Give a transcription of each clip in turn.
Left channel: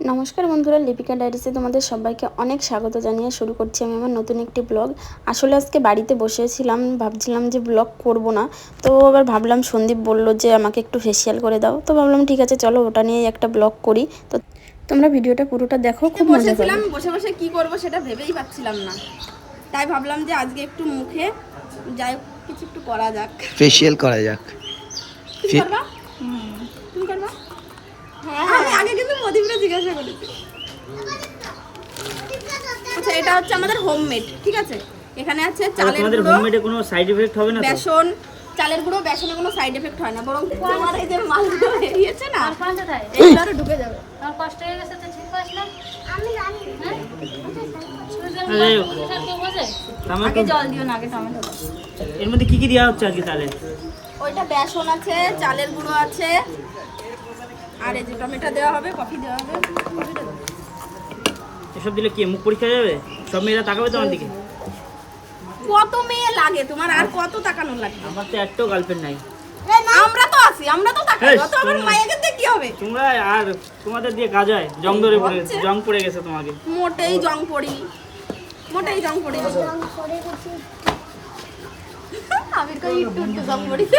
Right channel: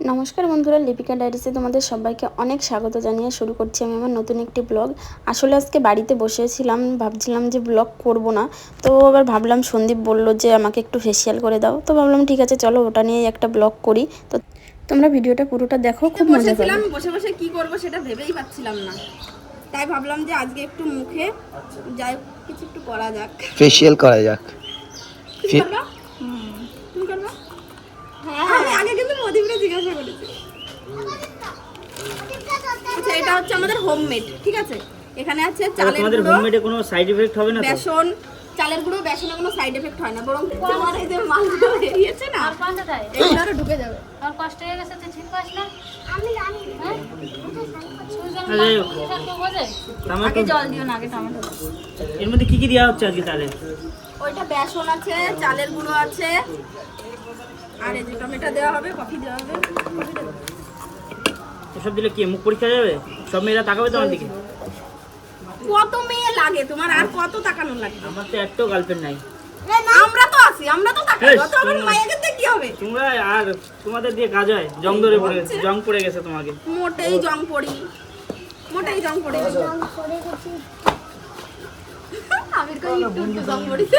নমস্কার বন্ধুরা, লিপিকা ডায়েরিসে তোমাদের সবাইকে অনেক স্বাগত জানিয়ে শুরু করছি আমি আমার নতুন একটি ব্লগ। আসলে আজকে বাড়িতে বসেছিলাম, ভাবছিলাম যে ব্লগ করব না, তো আবার ভাবলাম সন্দীপ বলল যে আমাকে একটু ফেসিয়াল করে দাও, তো ভাবলাম ঠিক আছে চলো ওটা নিয়ে একটা ব্লগ করি। তো তোমরা ভিডিওটা পুরোটা দেখো, খুব মজা পাবে। বসে বসে কি করব সেটা ভেবেই পাচ্ছিলাম না, তাই ভাবলাম যে আজকে একটু মুখে যাই কিছু একটু করা যাক, ফেসিয়াল করা যাক। তুমি করবা? তুমি করবা? হ্যাঁ, আমি আগে কিন্তু মদিবরে জিজ্ঞাসা করেছি। আচ্ছা, এটা হচ্ছে আমাদের হোমমেড, ঠিক আছে? এখানে আছে চালের গুঁড়ো। তোমাদের হোমমেডে কোনো সাইড এফেক্ট হবে না তো? বেসন, চালের গুঁড়ো, বেসনে কোনো সাইড এফেক্ট হয় না, বরং তোমার এই যে মালগুলো বেরিয়েছে না, এগুলো আরো ঢুকে যাবে। আর কষ্ট হয়ে গেছে তো ঠিক পাস না। আমি জানি হ্যাঁ আগে জল দিও না, আগে টমেটো দাও। এর মধ্যে কি কি দেওয়া হচ্ছে আজকে তাহলে? ওইটা বেসন আছে, চালের গুঁড়ো আছে, আর এই যে টমেটো দেওয়া হবে, কফি দেওয়া হবে। এসব দিলে কি মুখ পরীক্ষা যাবে? সব মেয়েরা তাকাবে তোমার দিকে? কত মেয়ে লাগে তোমার, আর কত তাকানো লাগে? আমার তো একটাও গার্লফ্রেন্ড নাই। আমরা তো আছি, আমরা তো তাকাই, এই, কত আমার মায়েকে দিয়ে কি হবে? তোমরা আর তোমাদের দিয়ে কাজ হয়? জং ধরে পড়ে জং পড়ে গেছে তোমাকে। মোটেই জং পড়ি, মোটেই জং পড়ি। আমির কই একটু একটু জং পড়িছে।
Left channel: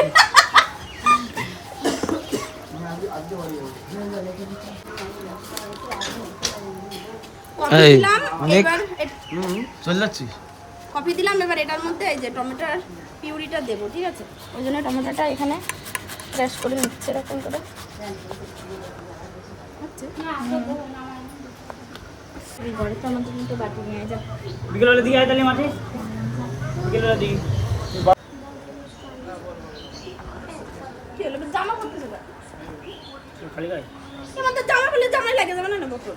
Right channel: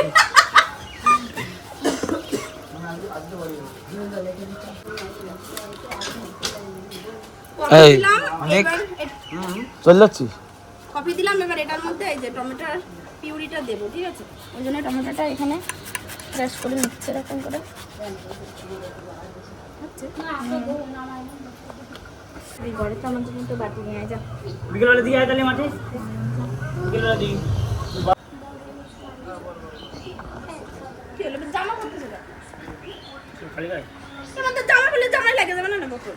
এই, অনেক চলে যাচ্ছি। কফি দিলাম, এবার এটার মধ্যে এই যে টমেটোর পিউরিটা দেবো, ঠিক আছে? ওই জন্য টমেটোটা এখানে ক্রাশ করে নিচ্ছে এরকম করে। এই ঘরে তো আমাদের কিন্তু বাটি নিয়ে যা। বিকেলবেলা দিয়ে আয় তাহলে মাঠে। বিকেলবেলা দিই। কি হলো, জামা পরতেছে না? খালি গায়ে? আমাদের জামা পরলে জামাই লাগে যাবে না, না বোতল।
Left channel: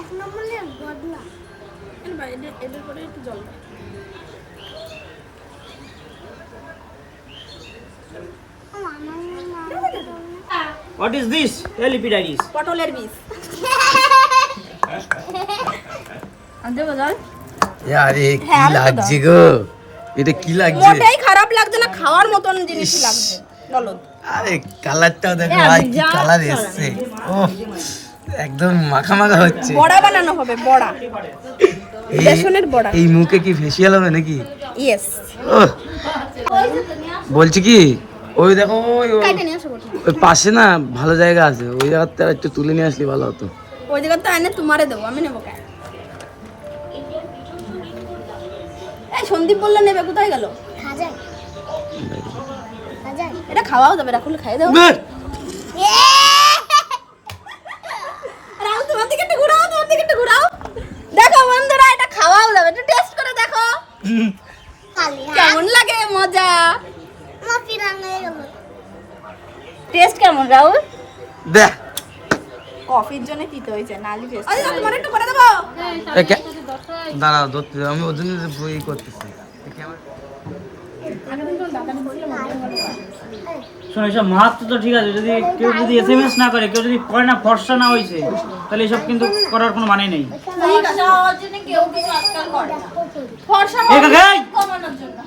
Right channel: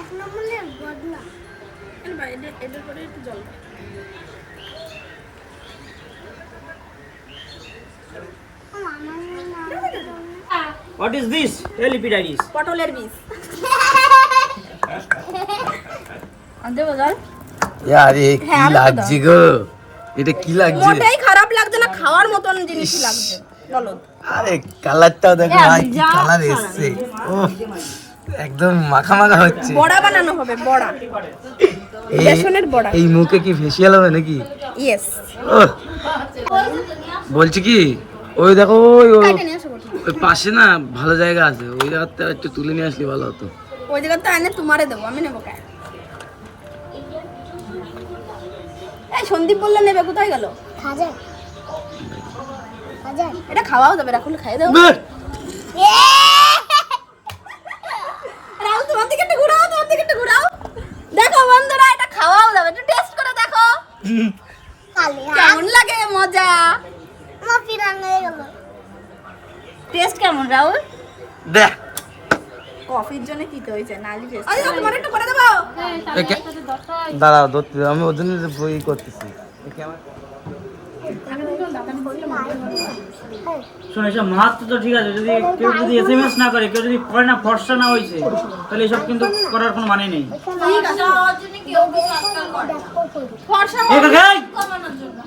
এক নম্বরে বদলা এদের করে একটু জল দাও। What is this? Lipiditis. পটলের বীজ। আনতে বাজার আরে কি হ্যাঁ, আমি তো লাগছে গো, এটা কি লাগছে? মোটেই খারাপ লাগছে না, খাওয়ার মতন জিনিসই লাগছে। বলো, আরে কালারটাও দেখো, হ্যাঁ, ভাই কি যা কালার এসছে। ওহ, একদম মাখা মাখা হচ্ছে। বড়া বানানো হবে, বড়া, এই- বেসনের বড়া। এই মুখে কি ফেসিয়াল হবে নাকি? ইয়েস, ওহ, বলছি কি, ওই দেখো কাটে নিয়ে আসো বটে। ওই পাশে না ভালো জায়গা আছে, ওই জায়গাতে একটু তুলে নিয়ে আসলে ভালো হতো। ওই জায়গা তো এনে তোমারে দেবো, আমি নেবো কেন? এই সন্দীপ বললে নেবে, কোথায় গেল? খাজা খাজা এটা খাওয়াও যাবে, রাখলে খাই দাও। বেশ, রাহুল, তোমার দিকে একটু ঘুরাও, তোমার দিকে একটু ঘুরাও। দেখো বন্ধুরা, এটা খাওয়াও যাবে, একটু টেস্ট করে দেখো কালি কেমন লাগে, মজা। আমার পিরান হয়ে গেল টেস্ট কেমন রাহুল? দেখ কফির জন্য পিতে হয়েছে, নালি টেস্ট। আরে তোমার একটু করে দেবো। দাঁড়াও, ধরতে দাও, আমি ওর জন্য বই করতেছি। একে আমার- শোনো, এসব মাছ তো ঠিক আছে, যদি কেউ যদি SMS না করে, কেউ যদি করে না, ফর্সা না হয়েছে, তাহলে এসব কিন্তু করার কোনো মানে নেই। ঠিক আছে, আমার জন্য কেউ কেউ আজকাল করে না। ফর্সা এই কাকা, এই! কমানোর জন্য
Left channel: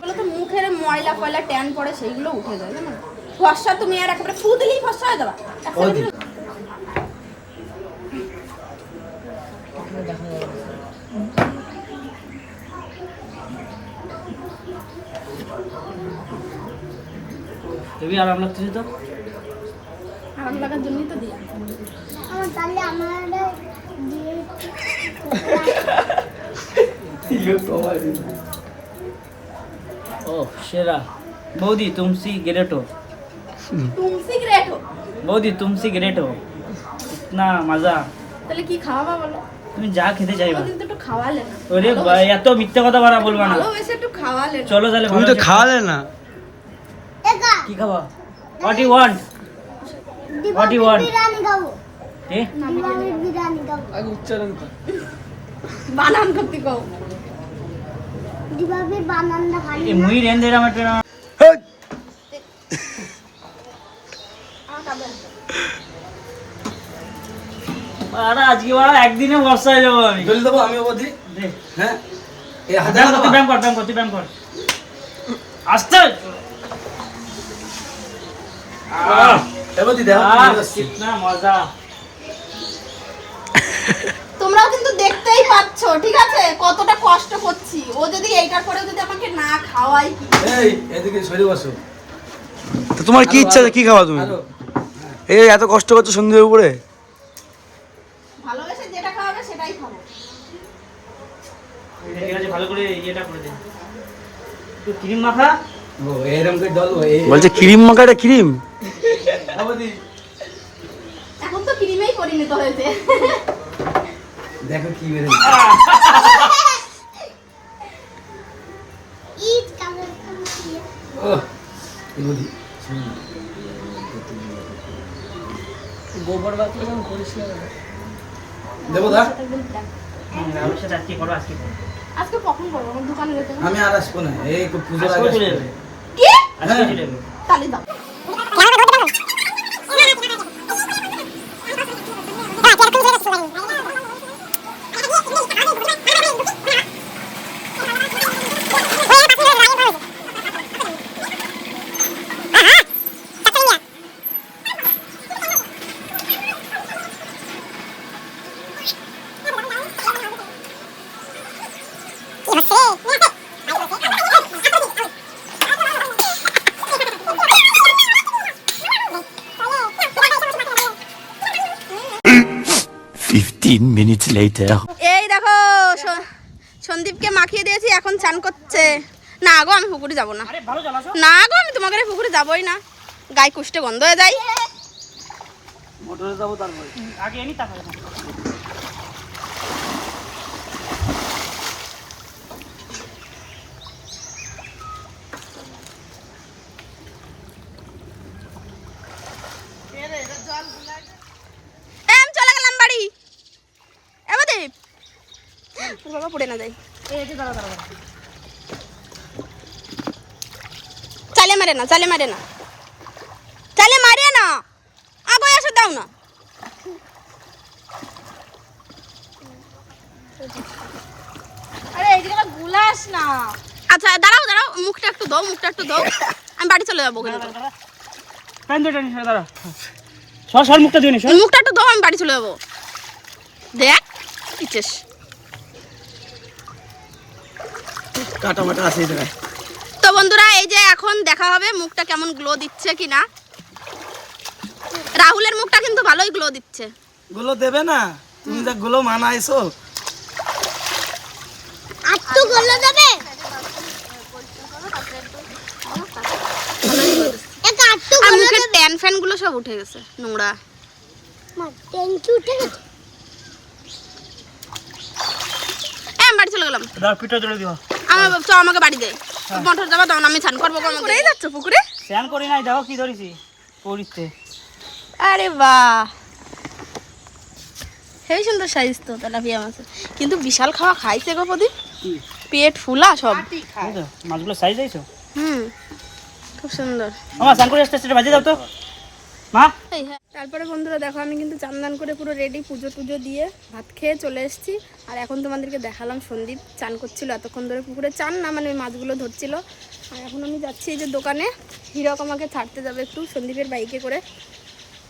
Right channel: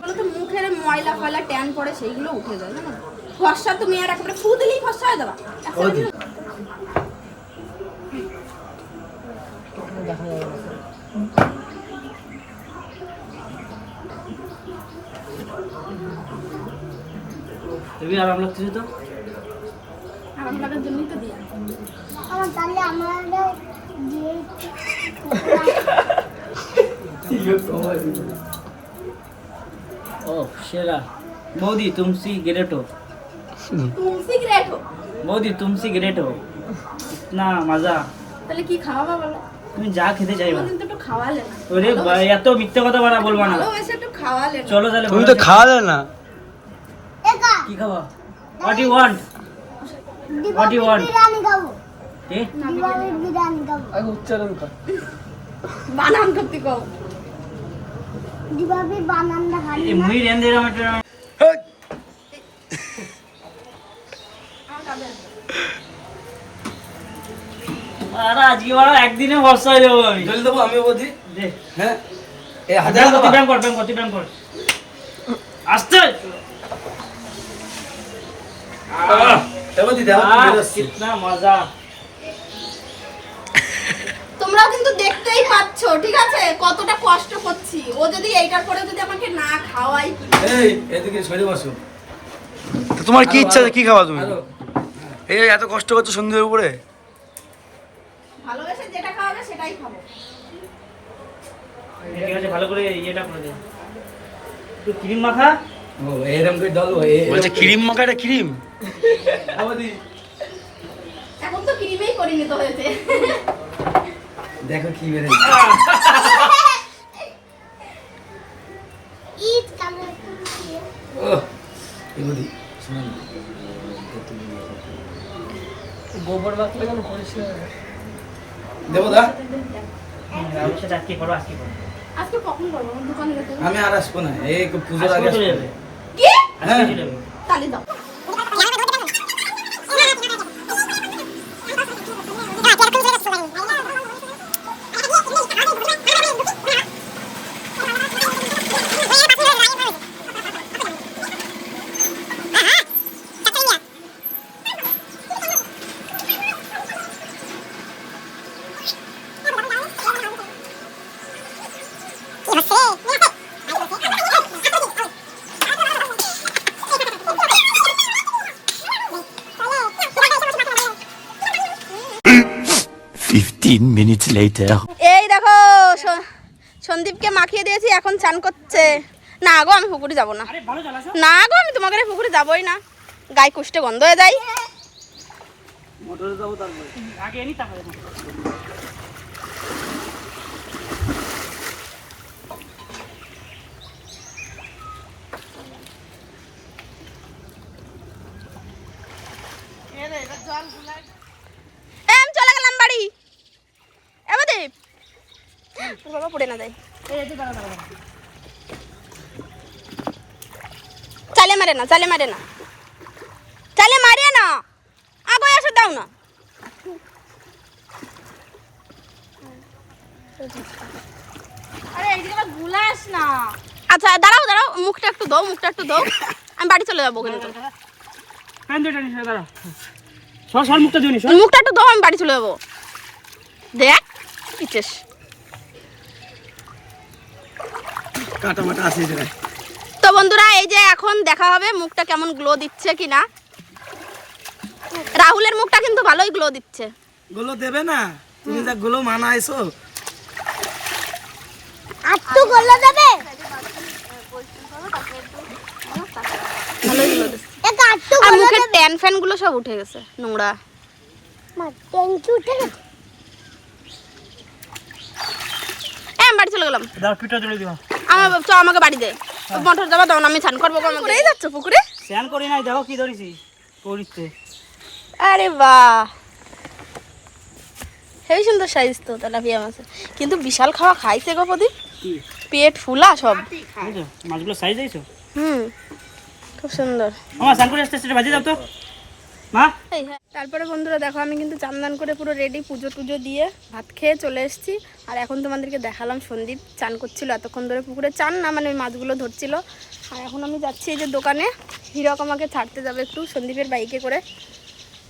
বলো তো, মুখের ময়লা ফয়লা ট্যান পড়ে, সেইগুলো উঠে যায়, জানো? ফর্সা তুমি আর একেবারে ফু দিলেই ফর্সা হয়ে যাবা। তুমি আরাম লাগছে তো? আমার লাগার জন্যই তো দিয়া। আমার তাহলে আমার ও शेरा मोदी तुमसी ग्रेट हो। তুলসী গ্রেট হো। मोदी तुमसी ग्रेट हो, इतना मजा। তাহলে কি খাওয়াবা বলো? তুমি যা খেতে চাইবা। কিন্তু একটু খাওয়ালে না। ওরে এত মিথ্যা কথা বাড়া বলবা না। ভালোবেসে একটু খাওয়ালে না। চলো তাহলে তুমি তো খাওয়ালে না। কি খাবা? What you want? What you want? Biryani খাবো, এ দিবালির বিরিয়ানি খাবো। বানান করতে কও। দিবালির বানানটা ভালো এই মুই রেন দিলাম এটা। হেই, আরে আজকে বাড়া একদিনে বর্ষা হয়ে যাবো আমি। জল দেবো আমি ওদি। দে। হ্যাঁ, এই হাজার ব্যায়াম করতে ব্যায়াম কর, ব্যায়াম করতে ব্যায়াম কর। আস্তে। এবার দি দেখো कितना मजा। তোমরাও কিন্তু দেখতেই পাচ্ছ ঠিক আছে কতটা কষ্ট করছি ও যদি এইটার পরে যদি আমাকে না খাওয়াই কি এই এদিকে সরে বসো। তো তোমার কি ইচ্ছা কি খাওয়া তুমি? এই এত কষ্ট করছো সন্ধ্যের উপরে। ভালোবেসে যেটা খাওয়াবে সেটাই খাবো ঠিক আছে ভালো করে ইয়েটা করে দে তুই ক্রিম মাখা ও এরকম করে ডলবো বলছে ক্রিম মাখাটা ক্রিম এখন তো ক্রিমেই পরিণত হয়েছে দেখো কি বেরে ঈদ কামড় ও ইবুদি শুনুন গোবর বাকি কেমন পরিষ্কার দেবো দা রাহুল সাথে আজকে করো আজকে করো আজকে কখন করবো আমার দোকানে যেতে হবে। আমি আর আসবো না এই পুজোর আজকে আগে চলে আসবো। যাবে কি আজকে চলে যাবে তালি দাও minutes later. এই দেখো সন্দীপকে মাখিয়ে দিয়েছি এখন চান করছে না গো আমি পুকুরে যাবো না আরে ভালো চালাছো না গো আমি তোমাকে রে পুকুরে যাবোই না গায়ে কুষ্টে গন্ধ হয়ে যায় মোটরে যাবো তারপরে আগে এনি টাকা দেবো আমি চলে গেলাম বাড়ি এবার দীপ তোর বাবা পড়ে না যায় চালে মারে না চালে মারে না চালে মারে না আগে এসে দাও না আরে এই জায়গাটা গুলাস না আচ্ছা দাঁড়াও দাঁড়াও মুখটা একটু দাও আমি বাড়ি চলে যাবো কিন্তু প্যান দে টেনিস দাঁড়া সর মুখটা দিয়ে নিস মুখটা একটু দাও আমি বাড়ি চলে যাবো দেখ পিচেস কাটা মাটা আছে এই জায়গায় তো বন্ধুরা এই যে এখন দেখা হবে মুখটা কেমন গ্লো দিচ্ছে কিনা রাহুলের মুখটা কিন্তু ভালোই গ্লো দিচ্ছে গুলো দেবে না তুমি যা গুলো মানাইছো আর তো গোলা যাবে ভালোই গ্লো দিচ্ছে এটা আর তো আর মুখের ট্যান ফ্যান গুলো সব উঠে গেছে নোংরা থ্যাংক ইউ ঠিক আছে আমি বাড়ি চলে গেলাম দাও পিঠা জলে দিবা আমাকে বাড়ি দে মোটর যাবা তখন আমি স্নান করবো করেই যাচ্ছ পুকুরে স্নান করি নাই দেখো কি ধরেছি পরিতে আরে বাহ হেবি সুন্দর সাইজ তো তেলাপিয়া মাছের কিন্তু বিশাল খাওয়া খাইছে গো প্রদীপ কি পেট ফুলা সব এই তো মাছগুলো সাইজ হয়েছে খুব সুন্দর আমার স্নান করে আসতে আসতে বাজে দাও তো মা তারপরে বন্ধুরা দেখো আমি কিন্তু চান করে পুরো রেডি পুজো টুজো দিয়ে ভাত খেয়ে চলে এসেছি আর এখন তোমাদেরকে দেখালাম সন্দীপ চান করছিল এতক্ষণ ধরে পুকুরে চান না মানে ওই মাছগুলো ধরছিল আর এখন আমি যাচ্ছি এই যে দোকানে হিরক আমাকে ছাড়তে যাবে একটু সন্দীপের বাইকে করে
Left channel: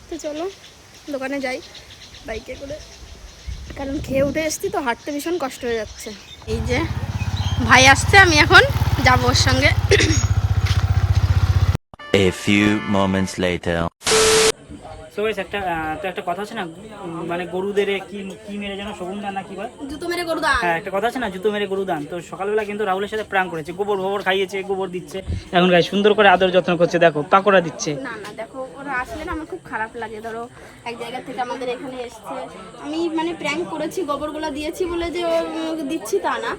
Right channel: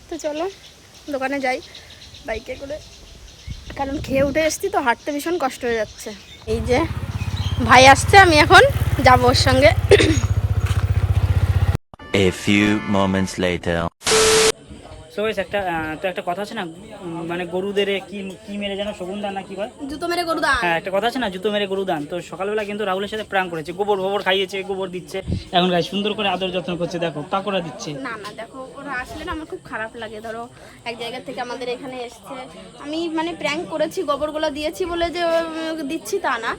তো চলো দোকানে যাই বাইকে করে কারণ খেয়ে উঠে এসেছি তো হাঁটতে ভীষণ কষ্ট হয়ে যাচ্ছে এই যে ভাই আসছে আমি এখন যাবো ওর সঙ্গে A few moments later. So guys একটা কথা আছে না মানে গরুদের কি মেরে যেন শগুন দান না কি বলে জুতো মেরে গরু দান হ্যাঁ একটা কথা আছে না জুতো মেরে গরু দান তো সকালবেলা কিন্তু রাহুলের সাথে প্রাং করেছে গোবর খাইয়েছে গোবর দিচ্ছে এখন গাই সুন্দর করে আদর যত্ন করছে দেখো পাকোড়া দিচ্ছে না না দেখো ওরা আসলে না আমার খুব খারাপ লাগে ধরো এক জায়গা থেকে আমাদের এখানে এসছে আমি মানে প্র্যাঙ্ক করেছি গোবরগুলো দিয়েছি বলে যে দিচ্ছি তা না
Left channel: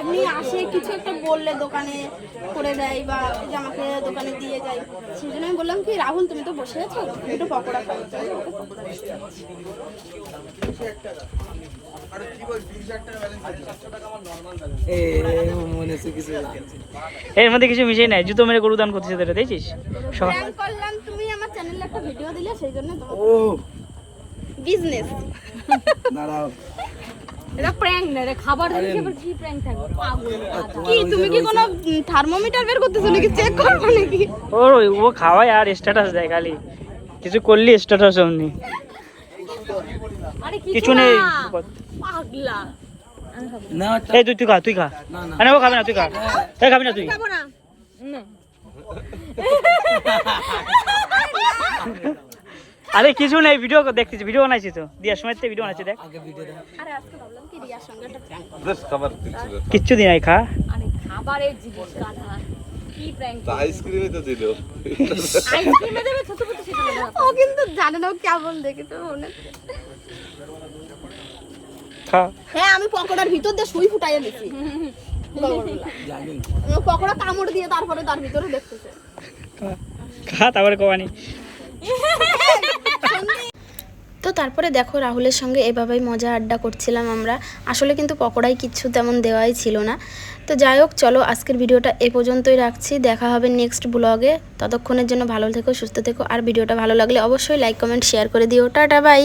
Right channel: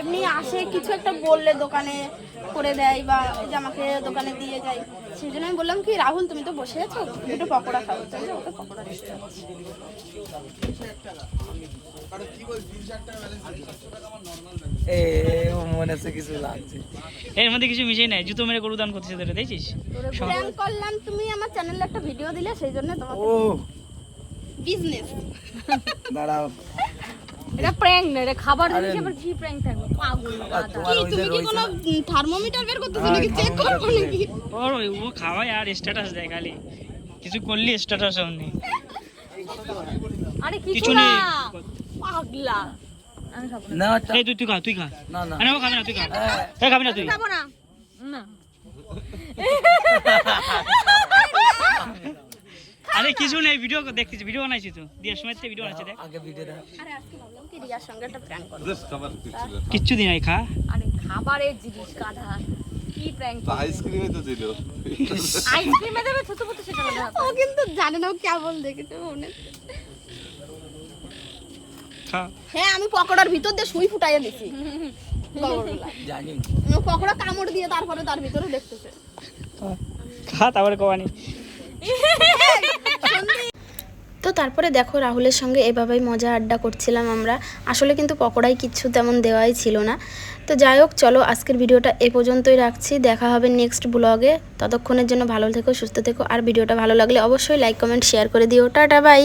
এমনি আসে কিছু একটা বললে দোকানে করে দেয় বা এই যে আমাকে দোকানে দিয়ে যায় সেই জন্য আমি বললাম কি রাহুল তুমি তো বসে আছো একটু পকোড়া খাও পকোড়া মনে আছে কিছু লাগছে এর মধ্যে কিছু মিশিয়ে নাই জুতো মেরে গরু দান করতেছে তোরা দেখছিস প্র্যাঙ্ক করলাম তুমি আমার চ্যানেলে একটা ভিডিও দিলে সেই জন্য তোমার ও বিজনেস দাঁড়াও এটা প্র্যাঙ্ক না এটা খাবার জিনিস আবার কি প্র্যাঙ্ক থাকবে পাগল কি তুমি কি কোনো থার্মোমিটার বের করতেছো নাকি চেক করবো নাকি ও খাওয়ায় আর স্ট্যাটাস দেয় খালি কিছু করলি স্ট্যাটাস অমনি কিছু নেই। পাগলা না এই তুই খা না না আরে ও খাবে না, তুই খা। এই খাবি না তুই? খাবো না। আরে কিছু নেই, ভিডিও দেখতেছি, ভিডিও বানাইছি তো, দিয়ার সময় ভিডিও বানাইছি, দেখ। আগে ভিডিও দাও। আরে আজকে ভাবলাম কি রিয়ার সঙ্গে একটা প্র্যাঙ্ক কিচ্ছু দিন নাই, খা। আরে খাবারের জিনিস গাধা কি প্র্যাঙ্ক আইসক্রিমে তো দিল আইসক্রিমে দেবে ছোট ছোট সেটা না ও কিন্তু জানে না ও কেমন দেখেছে মনে খা। হ্যাঁ আমি পকোড়ার ভিতর দিয়ে সুই ফুটাই এনেছি জানি ও পকোড়া কামড় দিয়ে তারপরে তার ভিতরে দেখতেছে খা তারপরে কবানি। তো তারপরে দেখো রাহুলের সঙ্গে এভাবেই মজা আড্ডা করছিলাম আমরা। আসলে কিন্তু পকোড়ায় কিচ্ছু তেমন দেওয়াই ছিল না। তো যাই হোক, চলো আজকের ভিডিওটা এ পর্যন্তই রাখছি। দেখা হবে নেক্সট ব্লগে। ততক্ষণের জন্য ভালো থেকো, সুস্থ থেকো। আর ভিডিওটা ভালো লাগলে অবশ্যই লাইক কমেন্ট শেয়ার করে দিও। Tata bye.